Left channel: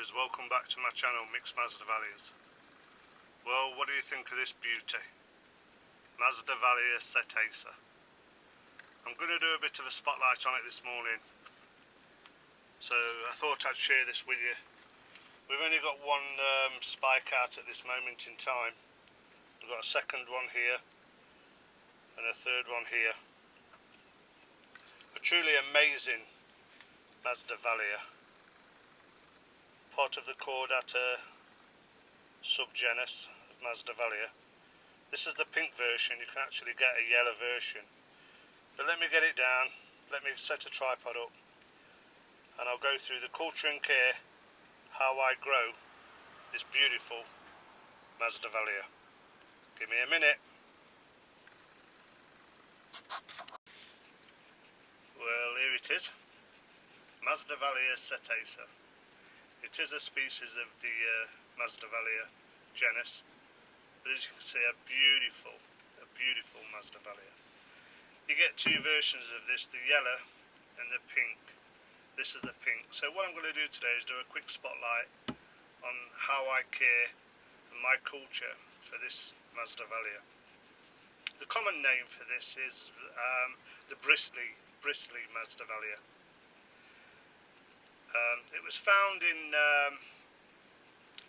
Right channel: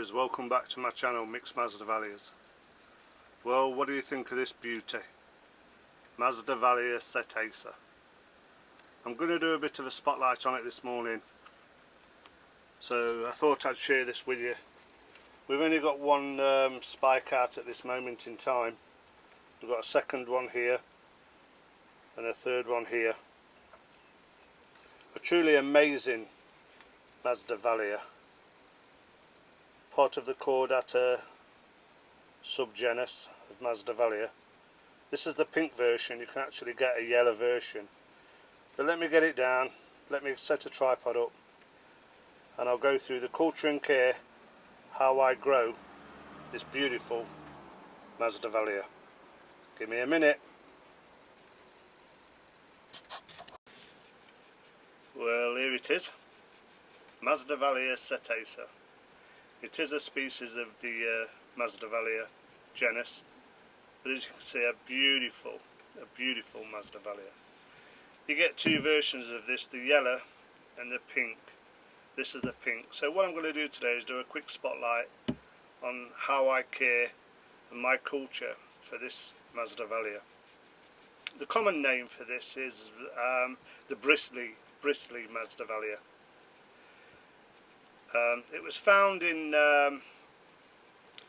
viewers, welcome back to my channel Mixed Masdevallias. Well, what do you think of this beauty? Masdevallia Setacea. I'm going to do a bit of a spotlight on it this morning, so I thought I'd share this with you. We've only got one spike out at this moment in time. We've got a second one here and a third one here. A truly amazing Masdevallia, part of the Caudata sub-genus of Masdevallia. This is the pink version. You can actually get a yellow version, but let me get it down, let me set a tripod up, and I'll go through the culture and care, how I grow this beautiful Masdevallia. Give me a minute. Well, here it is, Masdevallia Setacea. It is a species of the Masdevallia genus, but as you can see, a beautiful Masdevallia. You get two versions of this, the yellow and the pink. This is the pink. So what I'm going to do today is do a quick spotlight on how I care and my culture for this Masdevallia. The common name for this is the bristly Masdevallia. It was found in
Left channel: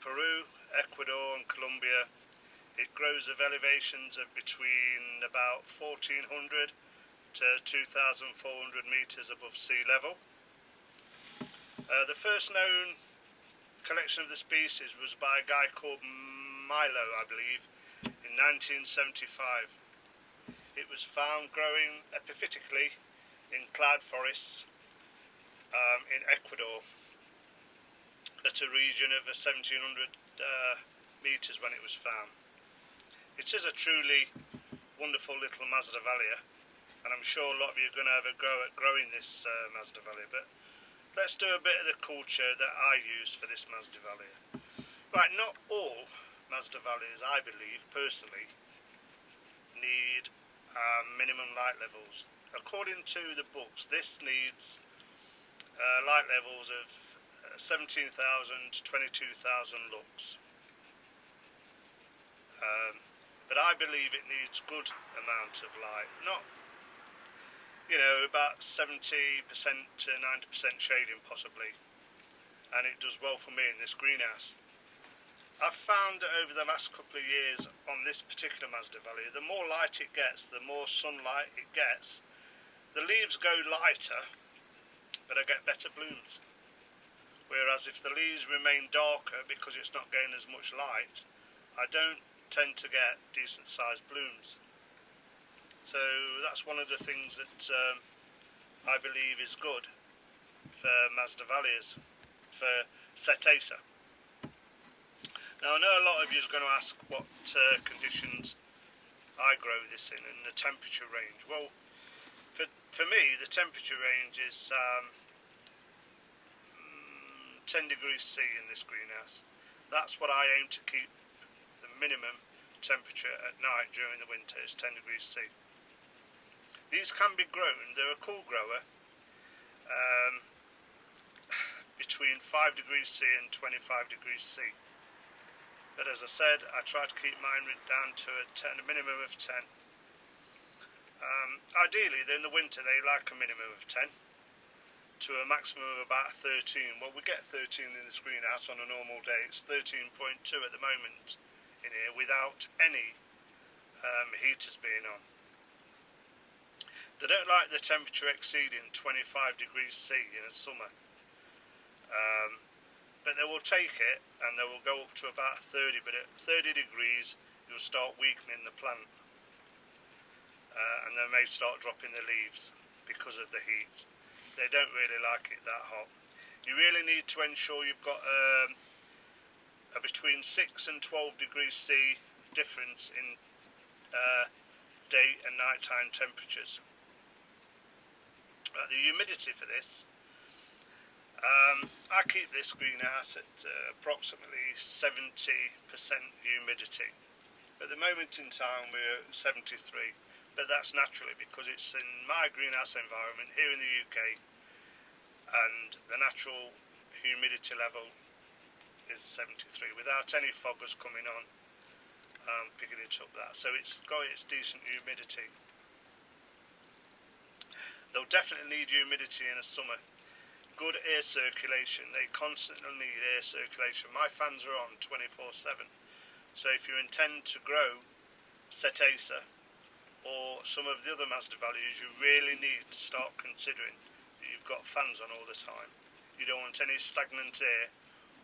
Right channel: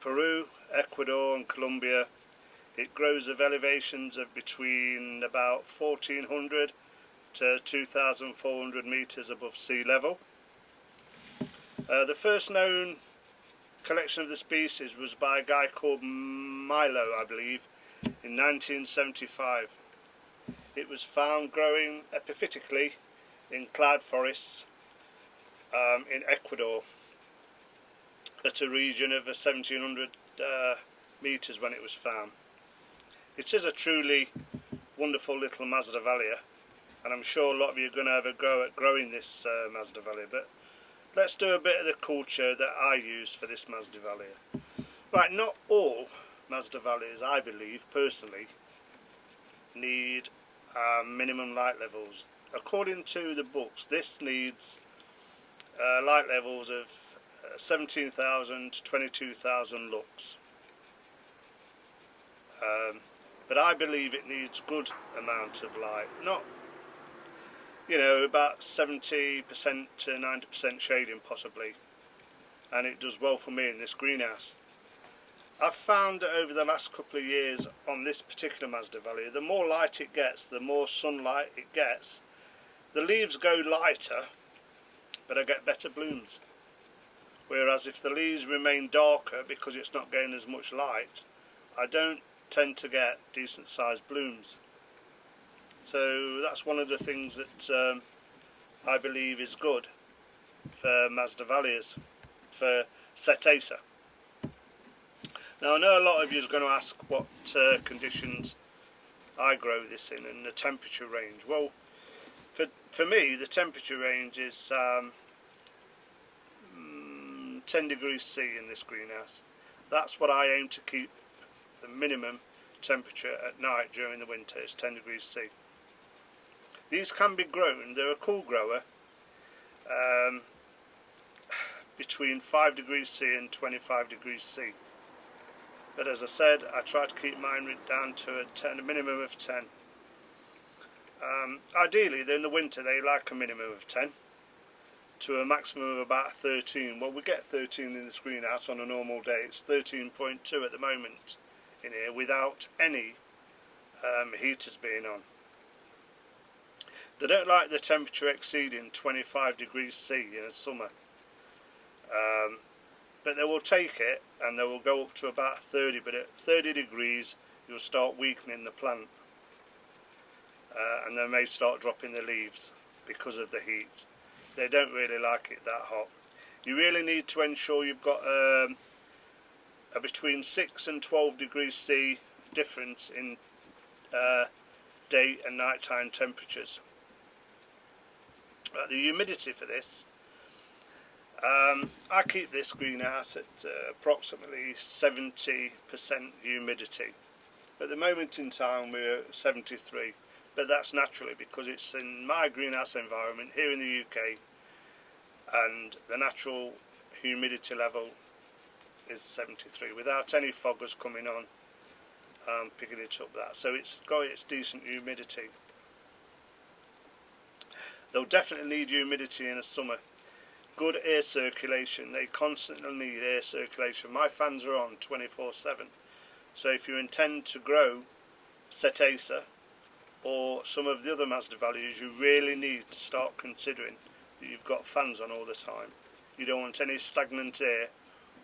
Peru, Ecuador and Colombia. It grows at elevations of between about 1400 to 2400 meters above sea level. The first known collection of the species was by a guy called Milo, I believe, in 1975. It was found growing epiphytically in cloud forests in Ecuador at a region of 1700 meters when it was found. It is a truly wonderful little Masdevallia, and I'm sure a lot of you are going to have a go at growing this Masdevallia, but let's do a bit of the culture that I use for this Masdevallia. Right, not all Masdevallias, I believe personally, need minimum light levels. According to the books, this needs light levels of 17,000 to 22,000 lux. But I believe it needs good amount of light, not, you know, about 70% to 90% shading possibly, and it does well for me in this greenhouse. I've found that over the last couple of years on this particular Masdevallia, the more light it gets, the more sunlight it gets, the leaves go lighter, but I get better blooms. Whereas if the leaves remain darker because it's not getting as much light, I don't tend to get decent sized blooms. So that's one of the things that I believe is good for Masdevallias, for Setacea. Now I know a lot of you is going to ask what conditions I grow this in and the temperature range. Well, for me the temperature range is 10 degrees C in this greenhouse. That's what I aim to keep the minimum temperature at night during the winter, is 10 degrees C. These can be grown, they're a cool grower, between 5 degrees C and 25 degrees C. But as I said, I try to keep mine down to a minimum of 10. Ideally, in the winter, they like a minimum of 10 to a maximum of about 13. Well, we get 13 in this greenhouse on a normal day. It's 13.2 at the moment in here without any heaters being on. They don't like the temperature exceeding 25 degrees C in the summer. But they will take it and they will go up to about 30, but at 30 degrees you'll start weakening the plant, and they may start dropping the leaves because of the heat. They don't really like it that hot. You really need to ensure you've got a between 6 and 12 degrees C difference in day and nighttime temperatures. The humidity for this, I keep this greenhouse at approximately 70% humidity. At the moment in time we're at 73, but that's naturally because it's in my greenhouse environment here in the UK, and the natural humidity level is 73 without any foggers coming on picking it up that. So it's got its decent humidity. They'll definitely need humidity in the summer. Good air circulation. They constantly need air circulation. My fans are on 24/7. So if you intend to grow Setacea or some of the other Masdevallias, you really need to start considering that you've got fans on all the time. You don't want any stagnant air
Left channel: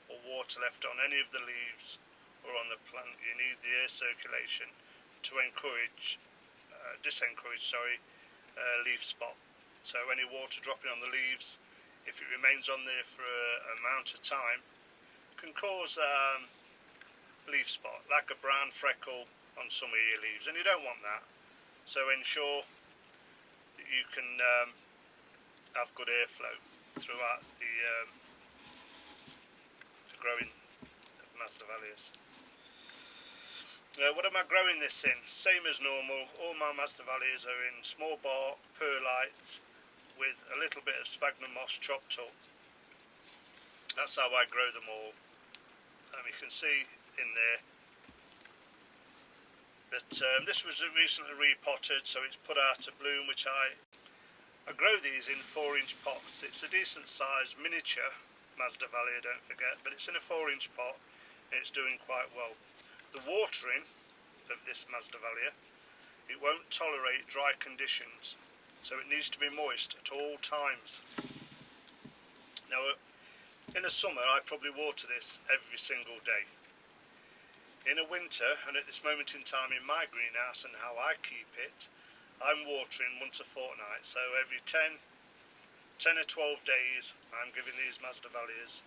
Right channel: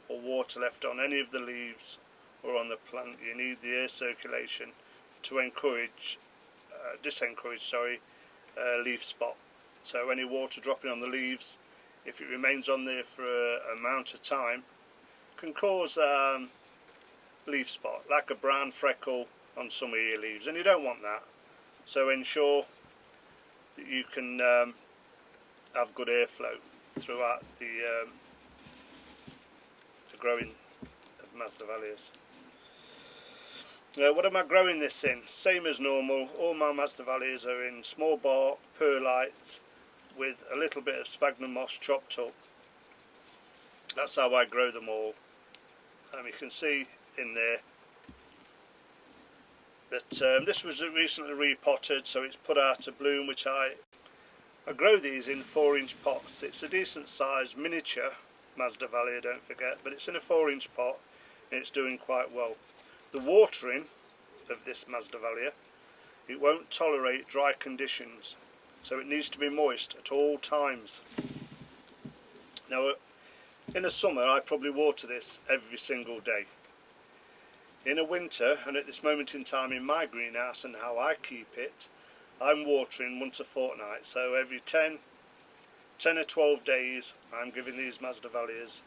or water left on any of the leaves or on the plant. You need the air circulation to disencourage leaf spot. So any water dropping on the leaves, if it remains on there for an amount of time, can cause leaf spot, like a brown freckle on some of your leaves, and you don't want that. So ensure that you can have good airflow throughout the growing of Masdevallias. What am I growing this in? Same as normal. All my Masdevallias are in small bark, perlite, with a little bit of sphagnum moss chopped up. That's how I grow them all. You can see in there that this was recently repotted, so it's put out a bloom, which I grow these in 4-inch pots. It's a decent size miniature Masdevallia, don't forget, but it's in a 4-inch pot and it's doing quite well. The watering of this Masdevallia, it won't tolerate dry conditions, so it needs to be moist at all times. Now in the summer I probably water this every single day. In a winter, and at this moment in time in my greenhouse and how I keep it, I'm watering once a fortnight, so every 10 or 12 days I'm giving these Masdevallias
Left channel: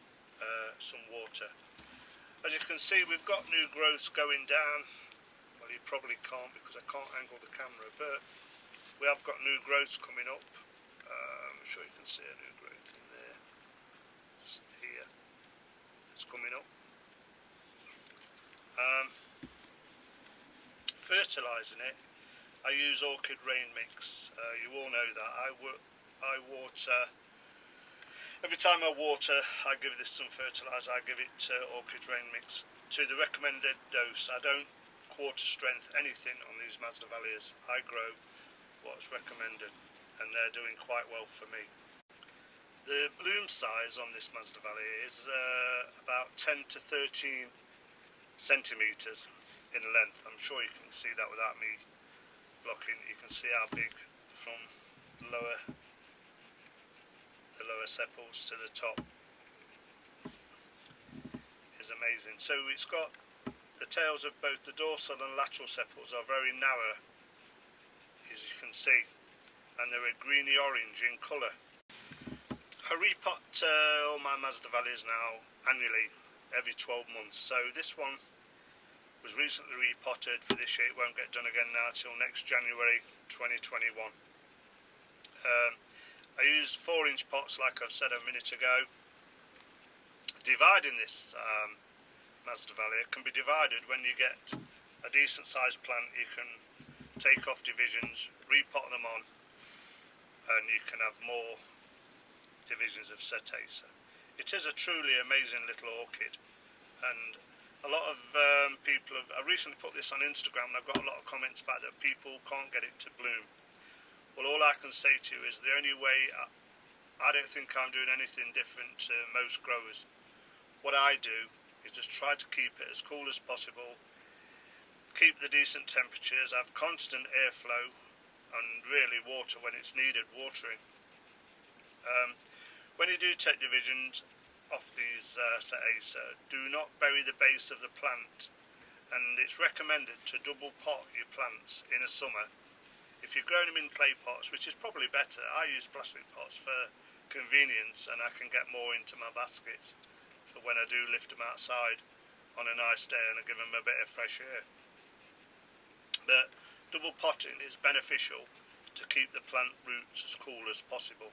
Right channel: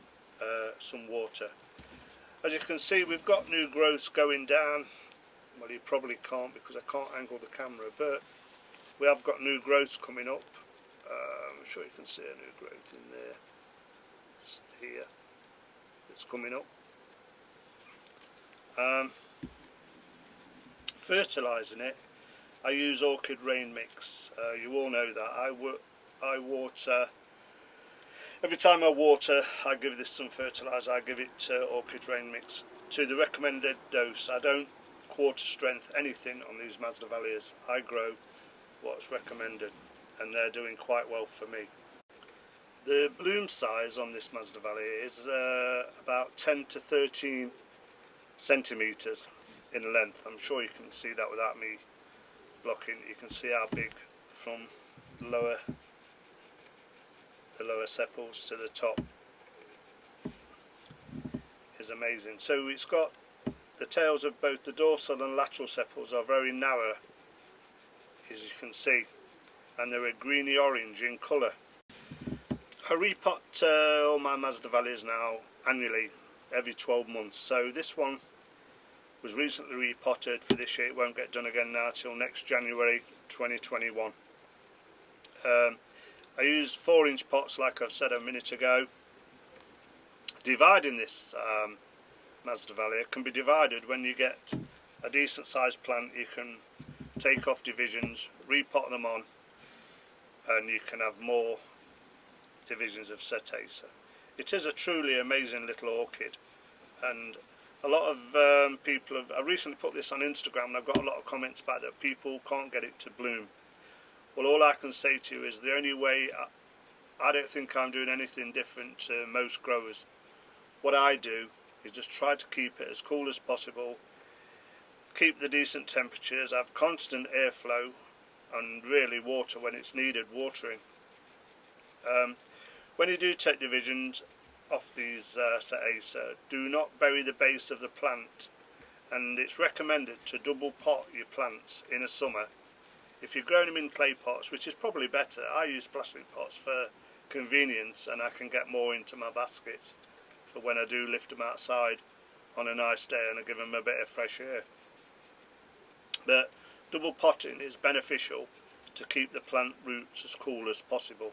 some water. As you can see, we've got new growths going down. Well, you probably can't because I can't angle the camera, but we have got new growths coming up. I'm sure you can see a new growth in there, just here, it's coming up. Fertilizing it, I use orchid rain mix. You all know that. I water, every time I water I give this some fertilizer. I give it orchid rain mix to the recommended dose. I don't quarter strength anything on these Masdevallias. I grow what's recommended and they're doing quite well for me. The bloom size on this Masdevallia is about 10 to 13 centimetres in length. I'm sure you can see that without me blocking. You can see how big from the lower sepals to the top is amazing. So it's got the tails of both the dorsal and lateral sepals are very narrow, as you can see, and they're a greeny orange in colour. I repot all my Masdevallias now annually, every 12 months. So this one was recently repotted for this year. It won't get done again now till next January 2021. I use 4-inch pots, like I've said a minute ago. Dividing this Masdevallia can be divided when you get a decent sized plant. You can take off divisions, repot them on, and you can have more divisions of Setacea. It is a truly amazing little orchid, and a lot of people have, I recently put this on Instagram and I've got a lot of comments about that people can't get it to bloom. Well, all I can say to you is the only way, I don't think I'm doing anything different to most growers. What I do is just try to keep it as cool as possible, keep the decent temperatures, have constant airflow, and really water when it's needed watering. When you do take divisions off these Setacea, do not bury the base of the plant, and it's recommended to double pot your plants in the summer. If you're growing them in clay pots, which is probably better, I use plastic pots for convenience and I can get more into my baskets for when I do lift them outside on a nice day and I give them a bit of fresh air. But double potting is beneficial to keep the plant roots as cool as possible.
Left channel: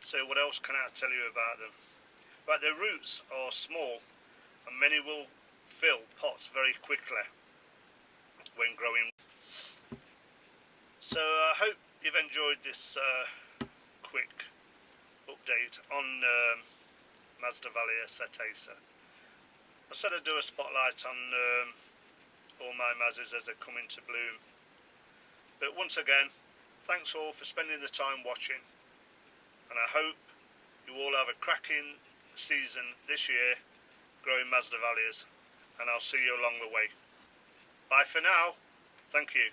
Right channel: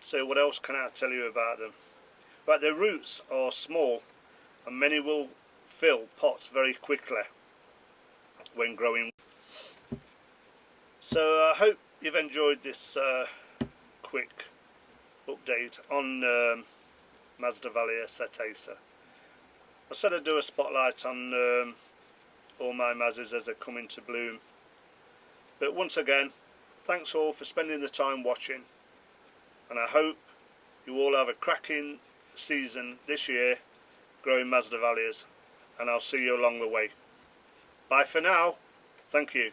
So what else can I tell you about them? Right, their roots are small and many will fill pots very quickly when growing. So I hope you've enjoyed this quick update on Masdevallia Setacea. I said I'd do a spotlight on all my mazzies as they come into bloom. But once again, thanks all for spending the time watching, and I hope you all have a cracking season this year growing Masdevallias, and I'll see you along the way. Bye for now. Thank you.